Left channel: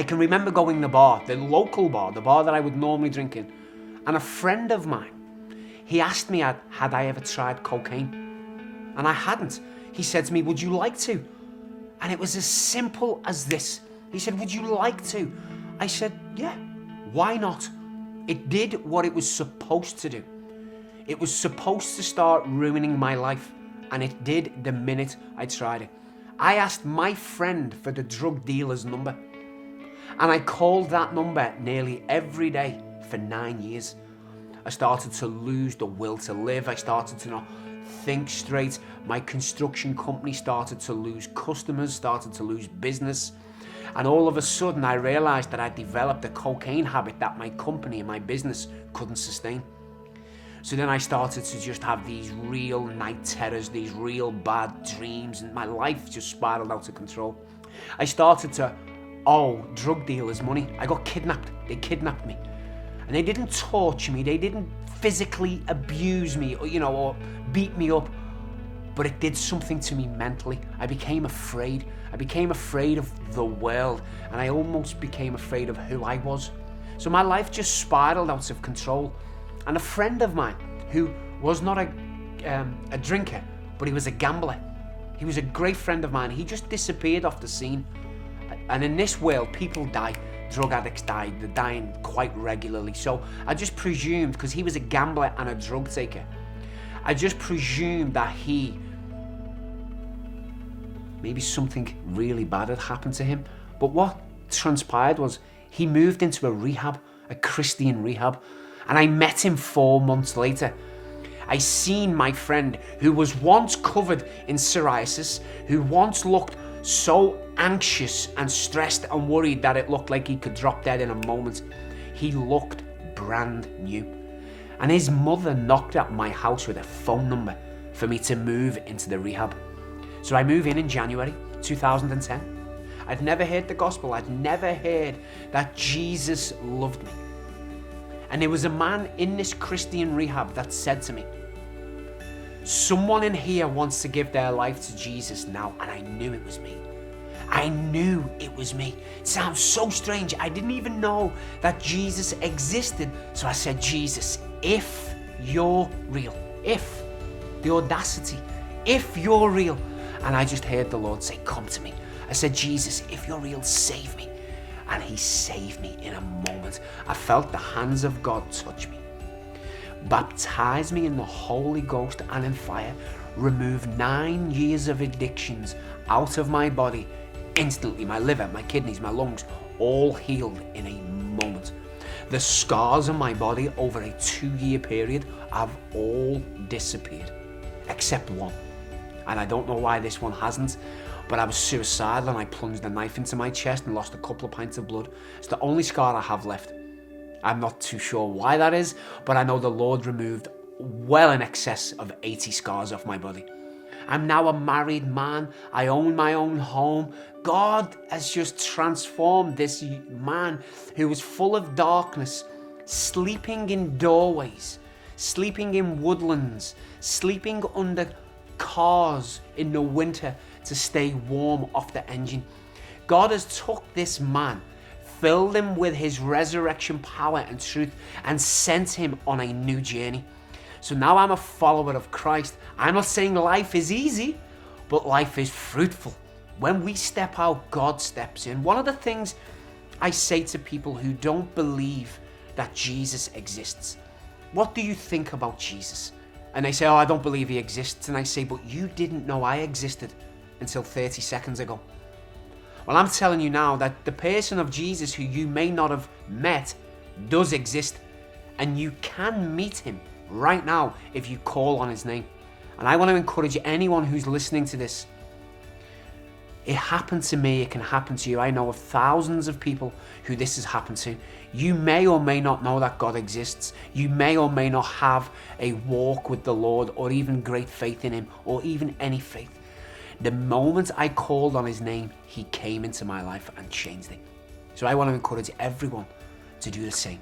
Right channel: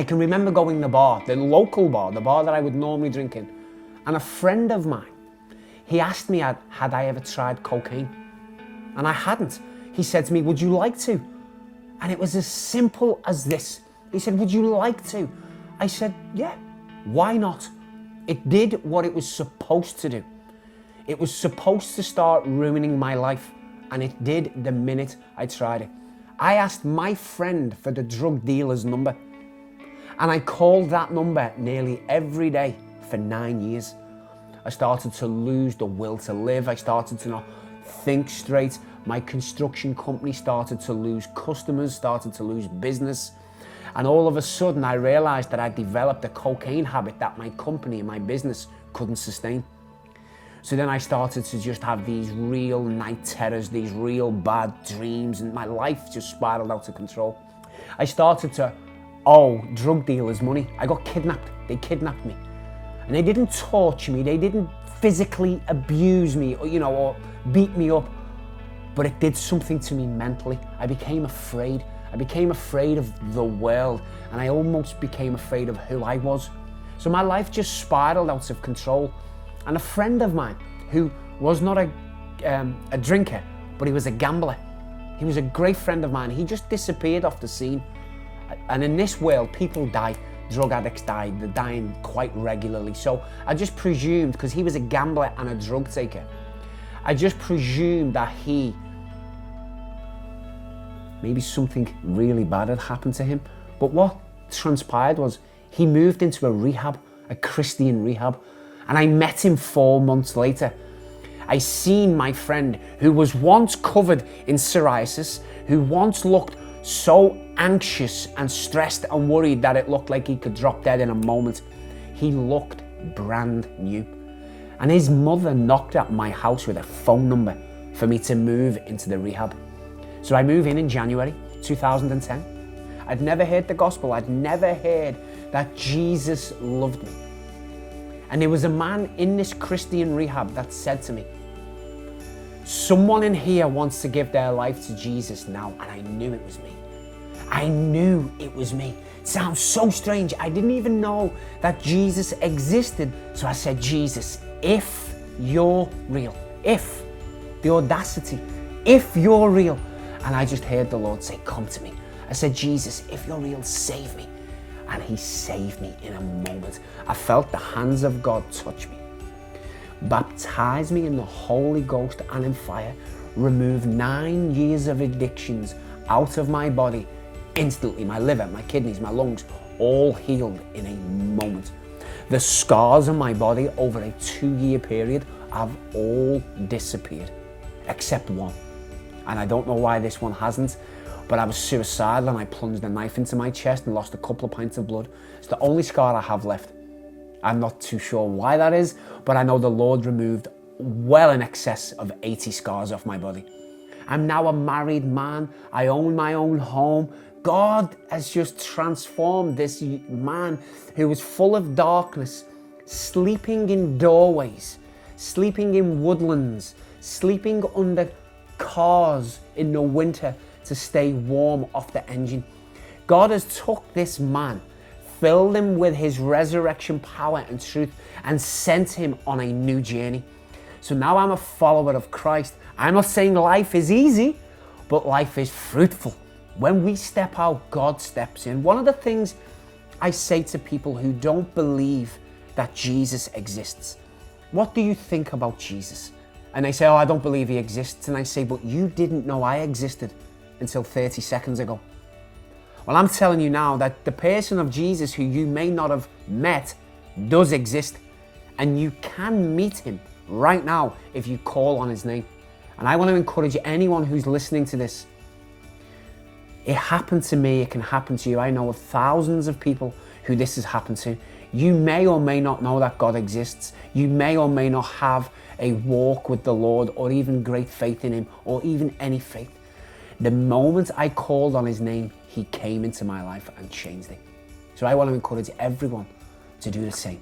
I can remember going to the bar, the local bar, the bar that I would normally drink in, and a friend of mine, he asked me had I ever tried cocaine, and I hadn't. He said to me, would you like to? And it was as simple as this. He said, would you like to? I said, yeah, why not? It did what it was supposed to do. It was supposed to start ruining my life, and it did the minute I tried it. I asked my friend for the drug dealer's number, and I called that number nearly every day for 9 years. I started to lose the will to live. I started to not think straight. My construction company started to lose customers, started to lose business. And all of a sudden, I realized that I developed a cocaine habit that my company and my business couldn't sustain. So then I started to just have these real night terrors, these real bad dreams, and my life just spiraled out of control. I started to owe drug dealers money. I got kidnapped. They kidnapped me. And they didn't torture me. They didn't physically abuse me, or beat me up. But it did something to me mentally. I became afraid. I became afraid of the world, and I almost became afraid of who I was. So my life just spiraled out of control. And a friend of mine, who was not a drinker, but he was a gambler. He was a great friend of mine. He just disappeared off the scene. And in this world, people die. Drug addicts die. They're dying quite regularly. So I just presumed, because he was a gambler and a drug taker, I just presumed that maybe something really bad had happened to him. But what transpired was he moved into a rehab, a Christian rehab, and I met him 4 months later. I seen my friend who was once covered in psoriasis, who once looked so anxious and stressed and worried that it looked like he could drop dead in a moment. He looked brand new. And his mother knocked at my house with a phone number for me to move into the rehab. So I moved in January 2010. I'd never heard the gospel. I'd never heard that Jesus loved me. And there was a man in this Christian rehab that said to me, someone in here wants to give their life to Jesus now. And I knew it was me. I knew it was me. It sounds so strange. I didn't even know that Jesus existed. So I said, Jesus, if you're real, if the audacity, if you're real. And I just heard the Lord say, come to me. I said, Jesus, if you're real, save me. And he saved me in a moment. I felt the hands of God touch me, baptize me in the Holy Ghost and in fire, remove 9 years of addictions out of my body instantly. My liver, my kidneys, my lungs, all healed in a moment. The scars on my body over a 2-year period have all disappeared, except one. And I don't know why this one hasn't, but I was suicidal and I plunged a knife into my chest and lost a couple of pints of blood. It's the only scar I have left. I'm not too sure why that is, but I know the Lord removed well in excess of 80 scars off my body. I'm now a married man. I own my own home. God has just transformed this man who was full of darkness, sleeping in doorways, sleeping in woodlands, sleeping under cars in the winter to stay warm off the engine. God has took this man, filled him with his resurrection power and truth, and sent him on a new journey. So now I'm a follower of Christ. I'm not saying life is easy, but life is fruitful. When we step out, God steps in. One of the things I say to people who don't believe that Jesus exists, what do you think about Jesus? And they say, oh, I don't believe he exists. And I say, but you didn't know I existed until 30 seconds ago. Well, I'm telling you now that the person of Jesus who you may not have met does exist, and you can meet him right now if you call on his name. And I want to encourage anyone who's listening to this. It happened to me, it can happen to you. I know of thousands of people who this has happened to. You may or may not know that God exists. You may or may not have a walk with the Lord, or even great faith in him, or even any faith. The moment I called on his name, he came into my life and changed it. So I want to encourage everyone to do the same.